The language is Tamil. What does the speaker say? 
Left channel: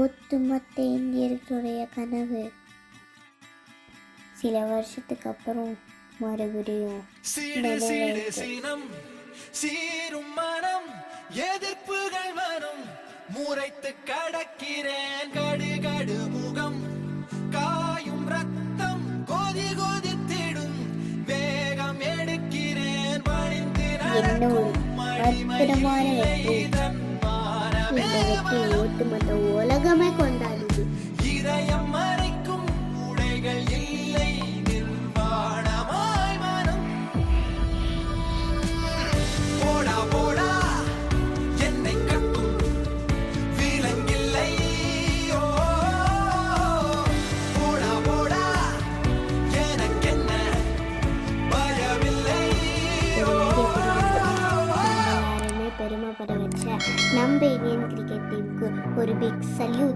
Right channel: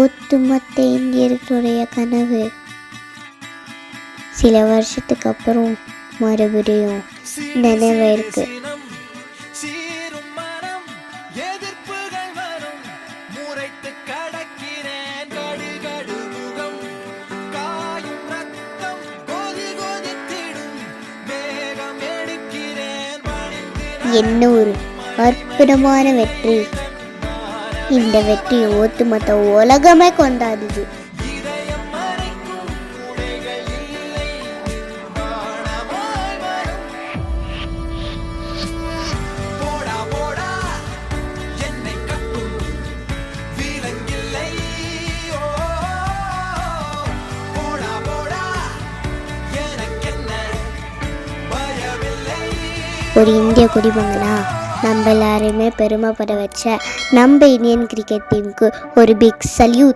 ஒட்டுமொத்த இந்தியர்களுடைய கனவு. சில வருஷத்துக்கு அப்புறம் மறுபடியும் நினைவேற்கு. சீரும் மனம் எதிர்ப்புகள் வரும், முறைத்து கடக்கிறேன் கடுகடு முகம், காயும் ரத்தம் கொதி கொதித்திடும், வேகம் எடுக்கிறேன் என்ன ஒரு அற்புதமான வெற்றி. இந்த வெற்றி ஒட்டுமொத்த உலகமே கொண்டாடுது. இதயம் மறைக்கும் உடைகள் இல்லை, நிர்வாணமாய் வரும். போடா போடா என்னை கட்டும் விலங்கில்லை, ஓ போடா போடா எனக்கென்ன பயமில்லை. ஒரு இந்திய குடிமகனா நம்ம எல்லாருமே பெருமைப்பட வச்ச நம்ம இந்தியன் கிரிக்கெட் டீமுக்கு ஒரு பிக் சல்யூட்.